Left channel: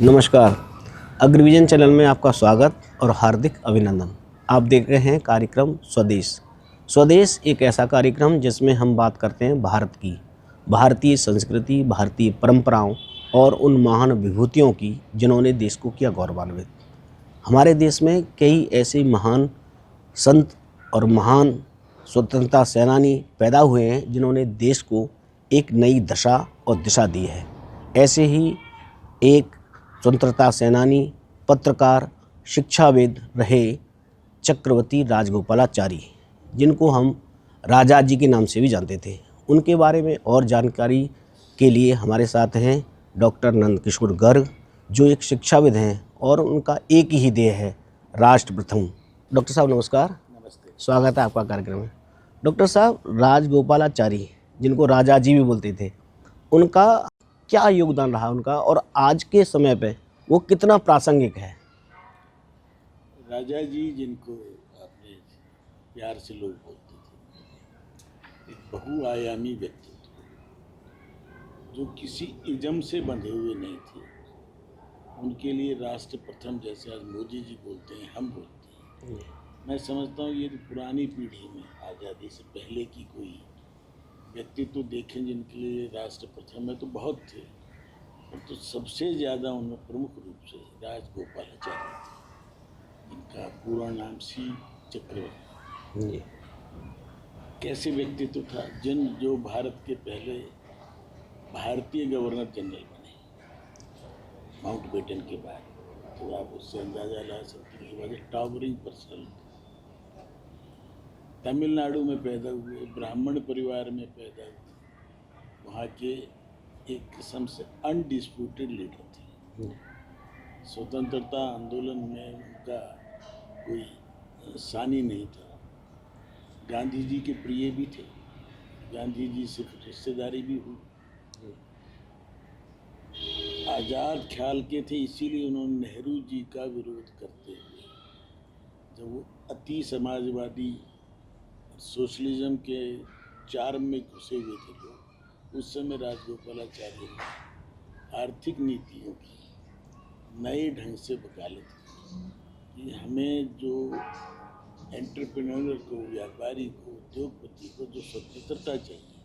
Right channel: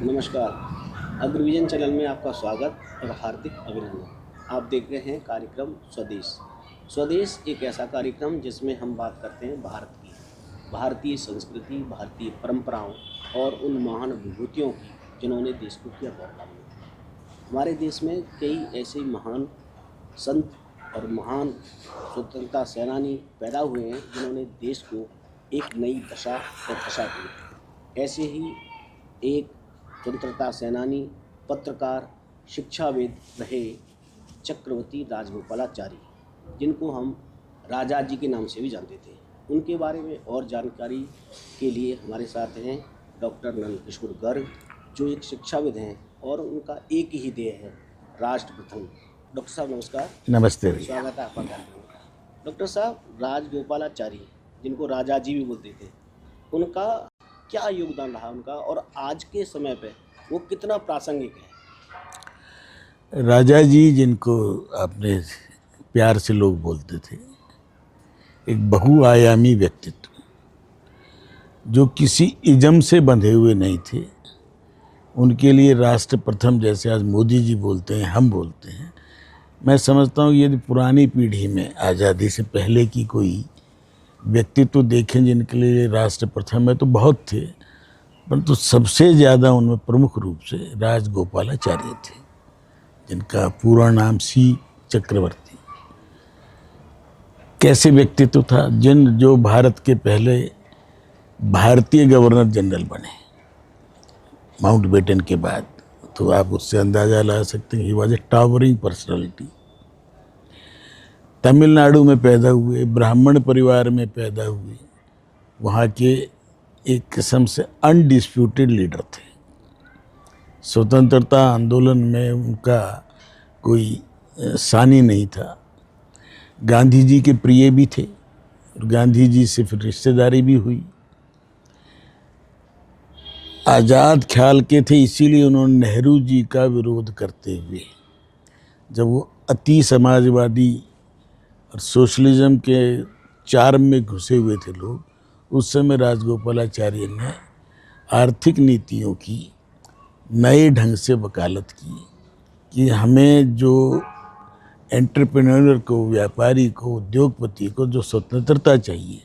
नमस्कार। अग्रविजन चैनल में आपका स्वागत और हार्दिक अभिनंदन। आप देख रहे हैं कार्यक्रम स्वदेश। स्वदेश एक ऐसा कार्यक्रम जिसमें हम बात करते हैं भारत की, भारतीय संस्कृति, भारतीय परंपराओं और उन महान विभूतियों की जिन्होंने देश को किया गौरवान्वित। हमारे देश में कई ऐसे महान संत और महान स्वतंत्रता सेनानी पैदा हुए हैं जिन्होंने देश को एक नई दशा और दिशा दी है। ऐसे ही एक स्वतंत्रता सेनानी, पत्रकार, शिक्षाविद रहे चक्रवर्ती राजगोपालाचारी, जिनको हम राजा जी के नाम से भी जानते थे। उनके बारे में और जानकारी के लिए हमारे साथ हैं डॉक्टर नंदकिशोर गर्ग, जो एक शिक्षाविद हैं और उनका एक ही ध्येय है, राष्ट्र प्रथम। डॉक्टर साहब नमस्कार। नमस्ते। स्वागत है आपका कार्यक्रम में। डॉक्टर साहब, राजगोपालाचारी, जिनको राजा जी भी बोलते थे, उनका क्या योगदान रहा उनका, और आज के समय पे वो कितना प्रासंगिक है? राजा जी, जिनको आपने प्यार से लोग बोलते थे, एक बहुआयामी व्यक्तित्व, जो किसी इज़म से बंधे हुए नहीं थे। उनके लिए राष्ट्र प्रथम, जैसे आज मोदी जी बोलते हैं, हम बोलते हैं, मैं समझता हूँ यदि पुरानी पीढ़ी में आज़ादी से पहले की कोई व्यक्तित्व देखें जिनके लिए राष्ट्र प्रथम है तो बहुत थे, परंतु सबसे ज़्यादा उनमें प्रमुख रूप से राजगोपालाचार्य थे, जिनका पूरा नाम सी चक्रवर्ती। कैसे व्यक्तित्व था, जो भारत के पहले भारतीय गवर्नर जनरल बने माउंटबेटन के बाद, तो आप उससे अंदाज़ा ला सकते हैं, he was a towering personality. Tamil Nadu में पैदा हुए, ब्राह्मण परिवार में पैदा हुए, वहाँ के एक किस्म से अनडिस्प्यूटेड लीडर थे। स्वतंत्रता आंदोलन में उनका कोई सानी नहीं था। गांधी जी के प्रिय भी थे और गांधी जी से फिर रिश्तेदारी भी हुई। आज़ाद ख्याल के थे, इसीलिए उन्होंने नेहरू जी का विरोध करते हुए, जब वो अति समाजवादी और सोशलिज्म के चार्म में घुसे हुए थे लोग, उस समय राजगोपालाचार्य ने आर्थिक नीतियों की नए ढंग से वकालत की कि हमें जो एंटरप्रेन्योर को, व्यापारी को, उद्योगपति को जो स्वतंत्रता चाहिए,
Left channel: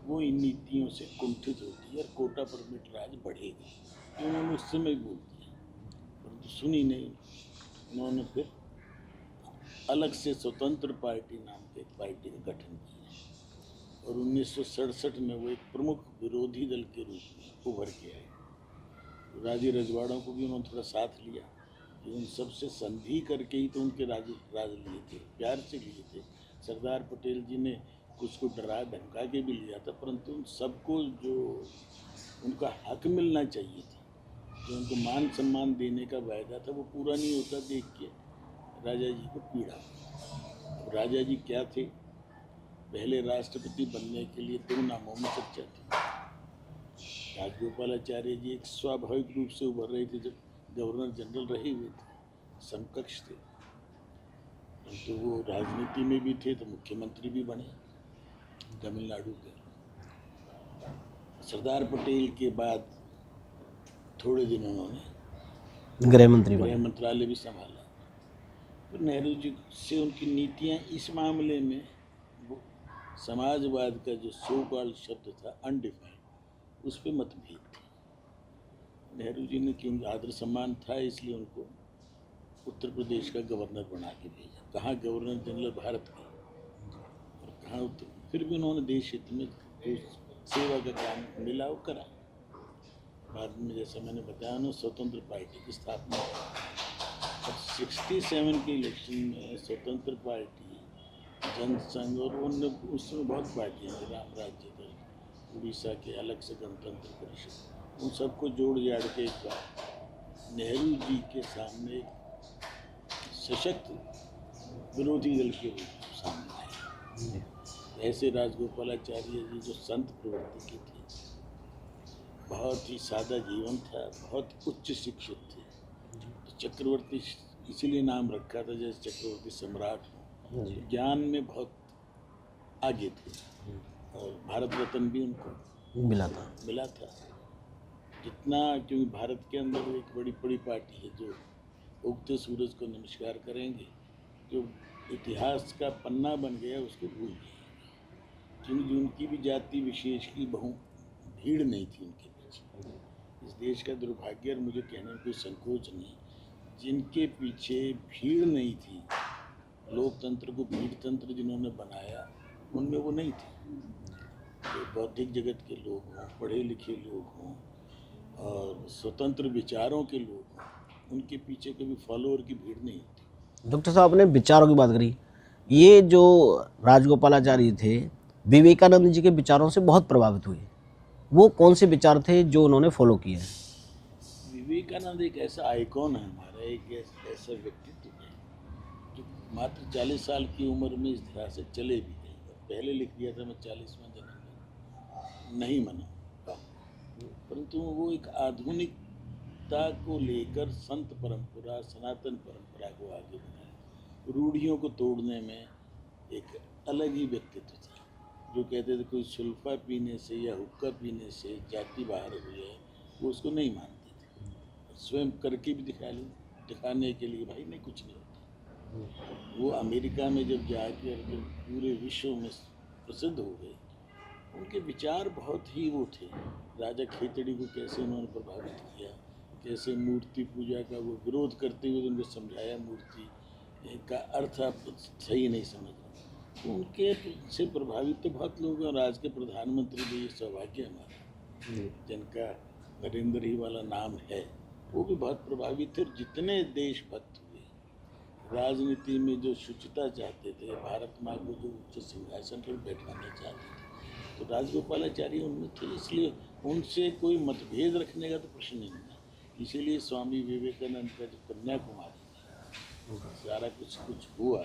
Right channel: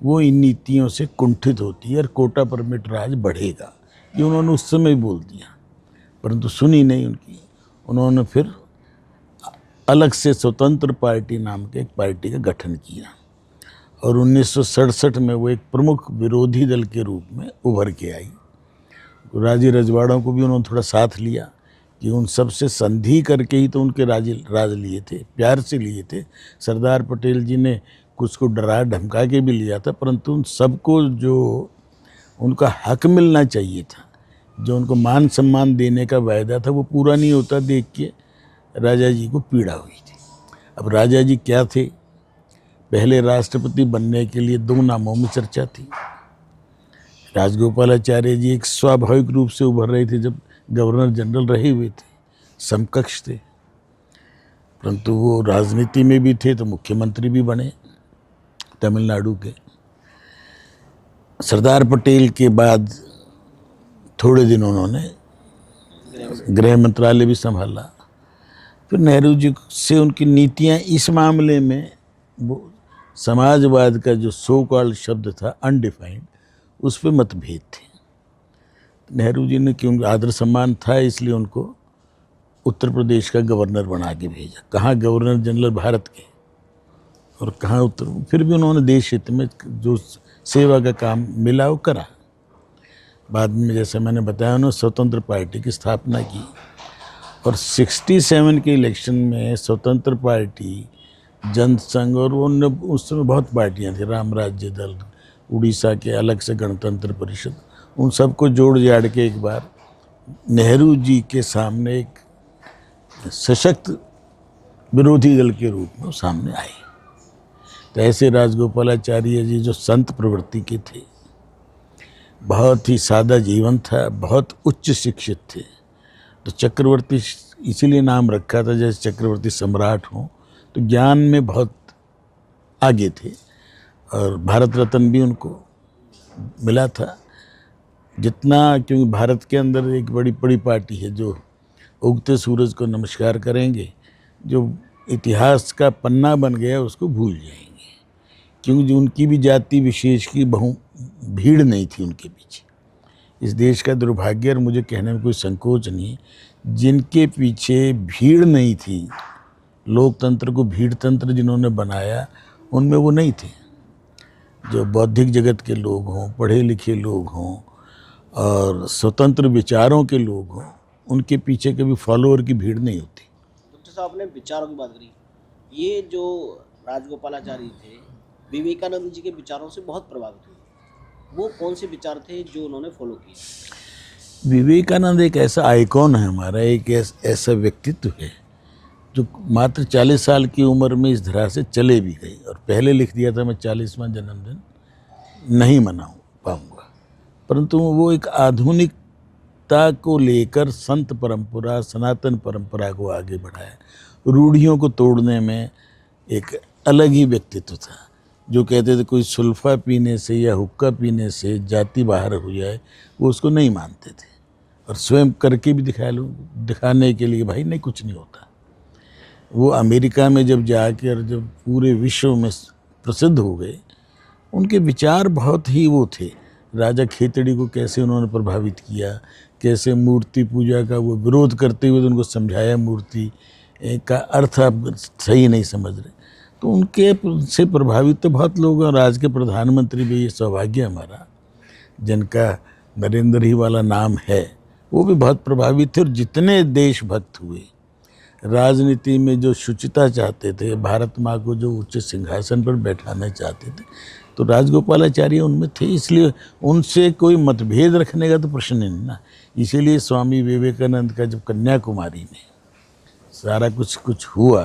वो इन नीतियों से कुंठित होती है और कोटा परमिट राज बढ़ेगा। ये उन्होंने उस समय बोल दिया, परंतु सुनी नहीं उनकी। उन्होंने फिर अलग से स्वतंत्र पार्टी नाम के एक पार्टी का गठन किया और 1967 में वो एक प्रमुख विरोधी दल के रूप में उभर के आई। राजी रजवाड़ों को भी उन्होंने थोड़ा साथ लिया कि उन सब से संधि करके ही तो उनके राज लिए थे, प्यार से लिए थे। सरदार पटेल जी ने कुछ को डरा धमका के भी लिया था, परंतु उन सबको जो उनका हक मिलना चाहिए था, जो उनको मान सम्मान देने का वायदा था, वो पूरा नहीं होता देख के राजा जी को पीड़ा हुई थी। अब राजा जी क्या थे, पहले राष्ट्रपति बनने के लिए दो नामों में चर्चा थी। राजगोपालाचार्य जी एक स्वाभाविक रूप से उभर रहे थे, जब गवर्नर जनरल रहे हुए थे, समकक्ष थे, परंतु वो राजनीति में भी थे तो मुख्यमंत्री भी बने तमिलनाडु के। सरदार पटेल के बाद थोड़े दिन उन्होंने गृह मंत्रालय भी संभाला। फिर नेहरू जी से उनकी नीतियां इस मामले में, वो समाजवाद का जो सो कॉल्ड शब्द था अनडिफाइंड, उस पर मतभेद थे। नेहरू जी ने, क्योंकि आदर सम्मान था, इसलिए उनको उत्तर प्रदेश का गवर्नर बना के भेजा। कहाँ गवर्नर जनरल भारत के और कहाँ उत्तर, फिर भी उन्होंने देश हित में जो सेवा का काम मिला वो करा। बाद में, जैसे मैंने बताया, उन्होंने स्वतंत्र पार्टी की स्थापना की और 67 के इलेक्शन में स्वतंत्र पार्टी, जनसंघ और उस समय बहुत पार्टियां थी, राम राज्य दल, उड़ीसा के अलग से गणतंत्र परिषद, उन सबको जोड़ जाड़ के एक बार नेहरू जी के सामने एक सशक्त विरोधी दल के रूप में सामने आए। तो ऐसे राजगोपालाचार्य जी, जो संत प्रवृत्ति के थे, बहुत ही सादा जीवन था, बहुत उच्च शिक्षित थे, तो चक्रवर्ती इसीलिए नाम रखा था, जैसे चक्रवर्ती सम्राट हों, तो ज्ञान में बहुत आगे थे और भारत रत्न भी उनको मिला था। जितना, क्योंकि भारत के अंदर एक बड़ी बड़ी पार्टी है जो उगते सूरज को नमस्कार करेंगे, जो इतिहास का पन्ना बन गया उसको भूल जाएंगे, क्योंकि जो उनकी भी जाति विशेष की भीड़ नहीं थी उनके पीछे। इस देश का दुर्भाग्य, और मुझे कहने में कोई संकोच नहीं है, जिनके पीछे भीड़ नहीं थी, लोकतंत्र को भीड़ तंत्र जिन्होंने बनाया, उनमें वो नहीं थे। जो बौद्धिक जगत के लोग हों, पढ़े लिखे लोग हों और स्वतंत्र विचारों के लोग हों, उनके पीछे कभी फॉलोअर की भीड़ नहीं होती। डॉक्टर साहब, आपने विचारों की बात करी। ये जो राजगोपालाचारी थे, विवेकानंद जी के विचारों से बहुत प्रभावित हुए। वो कौन से विचार थे जो उन्होंने फॉलो किए? विवेकानंद एक ऐसा आइकॉन है हमारा, एक ऐसा व्यक्तित्व है जो मात्र 40 साल की उम्र में इस धरा से चले भी गए, और पहले लिख दिया था मैं 40वां जन्मदिन नहीं मना पाऊँगा, परंतु वो एक आधुनिकता को लेकर संत परंपरा, सनातन परंपरा को आगे बढ़ाया। रूढ़ियों को तोड़ने में एक अलग ही व्यक्तित्व था। जो कहते थे कोई सुल्फा पीने से या हुक्का पीने से जाति बाहर हो जाए, वो उसको नहीं मानते थे, और स्वयं करके भी दिखाने के लिए भाई नहीं, कुछ नहीं होता। वो अमेरिका में जब जाकर जब पूरे विश्व में प्रसिद्ध हो गए, उनके विचार बहुत ही वो थे। राजा खेतड़ी को कैसे उन्होंने प्रभावित किया, कैसे मूर्ति पूजा का वो विरोध करते हुए उनको समझाया मूर्ति का अर्थ आप सही नहीं समझ रहे, तो उनके से प्रभावित तो बहुत लोग हैं। और आज के प्रधानमंत्री भी, ये सौभाग्य हमारा, जिनका नरेंद्र ही वाला नाम है, वो भी बहुत प्रभावित थे। और जितने देशभक्त हुए, राजनीति में जो शुचिता चाहते थे, भारत माँ को जो उच्च सिंहासन पर बैठाना चाहते थे, तो राजगोपालाचार्य उनमें थे। इसलिए उनसे कोई मतभेद रखने का तो प्रश्न नहीं ना। इसीलिए स्वामी विवेकानंद का जब कन्याकुमारी में सारा कुछ हुआ,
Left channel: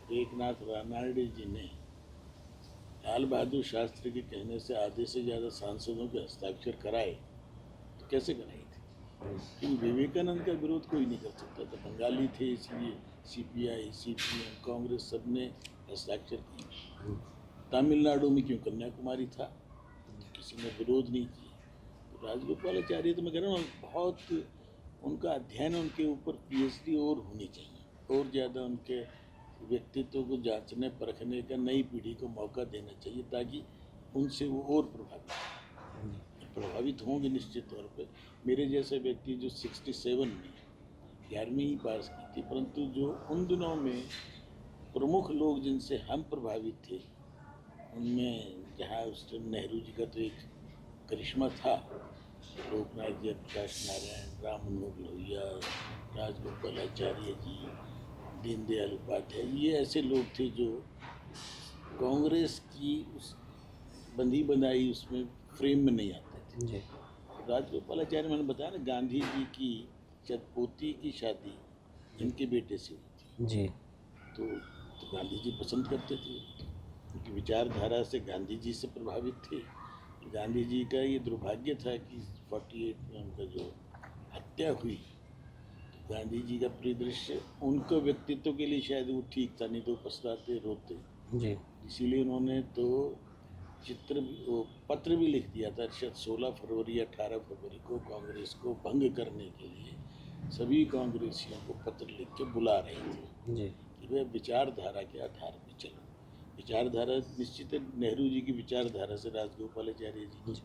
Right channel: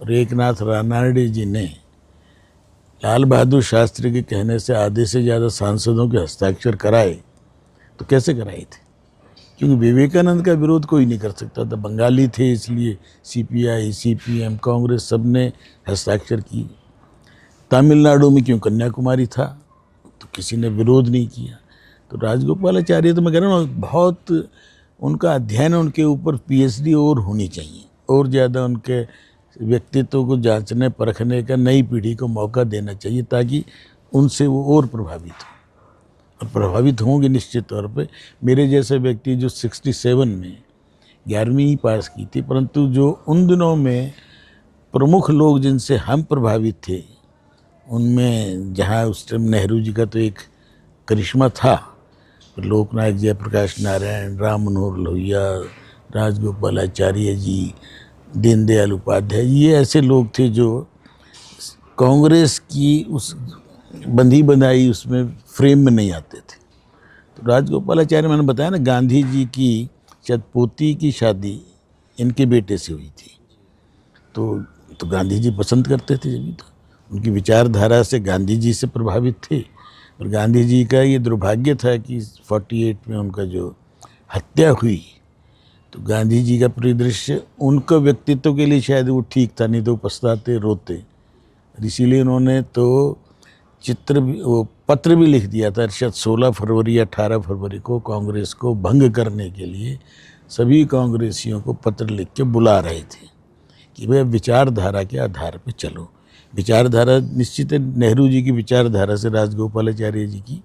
और एकनाथ रानाडे जी ने लाल बहादुर शास्त्री के कहने से आधे से ज़्यादा सांसदों के हस्ताक्षर कराए, तो कैसे कराए थे? क्योंकि विवेकानंद का विरोध कोई नहीं कर सकता था। बंगाली थे, इसलिए सीपीआई, सीपीएम, कांग्रेस सब ने हस्ताक्षर किए। तमिलनाडु में क्यों, कन्याकुमारी था, तो किसी ने विरोध नहीं किया। तो राजगोपालाचार्य, तो मैं कह रहा हूँ, बहुत उनका अध्ययन, उनके ऊपर पीएचडी और होनी चाहिए, और ज़्यादा उनके व्यक्तित्व को जांचने परखने का नई पीढ़ी को मौका देना चाहिए, ताकि उनसे वो और प्रभावित हो, और प्रभावित होंगे निश्चित तौर पे। मेरे जैसे व्यक्ति जो 67 में 11वीं ही पास की थी, परंतु जो उन दिनों में प्रमुख लोग जिनसे हम प्रभावित थे, उनमें जहाँ उस टाइम नेहरू जी का तो एक करिश्मा था, लोकनायक जयप्रकाश नारायण, राम मनोहर लोहिया, राजगोपालाचार्य जी, दीनदयाल उपाध्याय, ये ऐसे लोग थे जो कांग्रेस की उस बंधी बनाई उसमें फ्रेम में नहीं आते थे। तो राजगोपालाचार्य, मैंने बताया ना, गांधी जी की शायद पोती की शादी इनके बेटे से हुई थी जी। तो गांधी जी पसंद करते थे, जब तो उनकी विचारधारा से गांधी जी से प्रभावित थे। और गांधी जी का ये दुर्भाग्य था कि 48 में उनका जो हत्या हुई, तो गांधी जी का परिदृश्य उनका व्यक्तित्व के लिए शायद वो ठीक था, नहीं तो पछताते, रोते जी। इसीलिए उन्होंने तो वो पत्र भी लिख दिया था, शायद 16 फरवरी या 18 फरवरी को कांग्रेस को भंग करने के लिए सभी कांग्रेसियों को पत्र लिख के बुला रहे थे कि भाई विचारधारा के आधार पर चलो। विचारधारा निश्चित है, नेहरू जी की विचारधारा से राजगोपालाचार्य जी की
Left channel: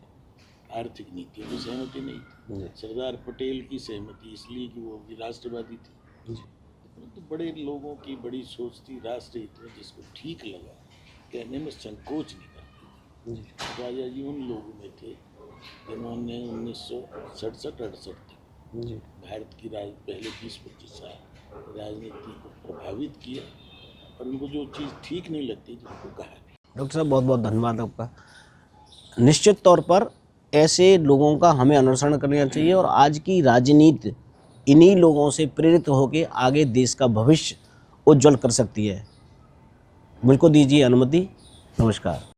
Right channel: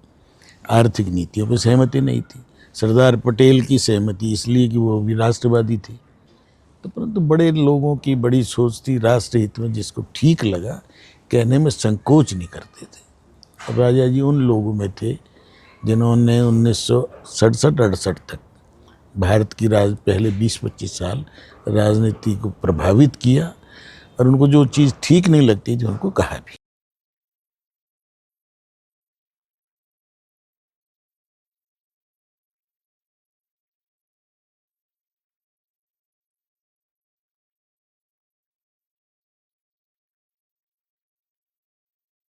आर्थिक नीतियों पर सहमति नहीं थी। सरदार पटेल की सहमति इसलिए कि वो भी राष्ट्रवादी थे। तो परंतु बड़े लोगों की बड़ी सोच थी, राष्ट्र हित में जिसको ठीक लगा कहने में संकोच नहीं करते थे। और राजा जी उन लोगों में थे जिन्होंने 1967-68 तक भारत की पहले 20-25 साल राजनीति को प्रभावित किया, और उनको जो चीज़ ठीक नहीं लगती थी उनको कहा भी। डॉक्टर साहब, बहुत बहुत धन्यवाद आपका। निश्चित तौर पर ऐसे लोगों का हमें अनुसरण करना चाहिए, और आज की राजनीति इन्हीं लोगों से प्रेरित होकर आगे देश का भविष्य उज्जवल कर सकती है। मुझको दीजिए अनुमति। नमस्कार।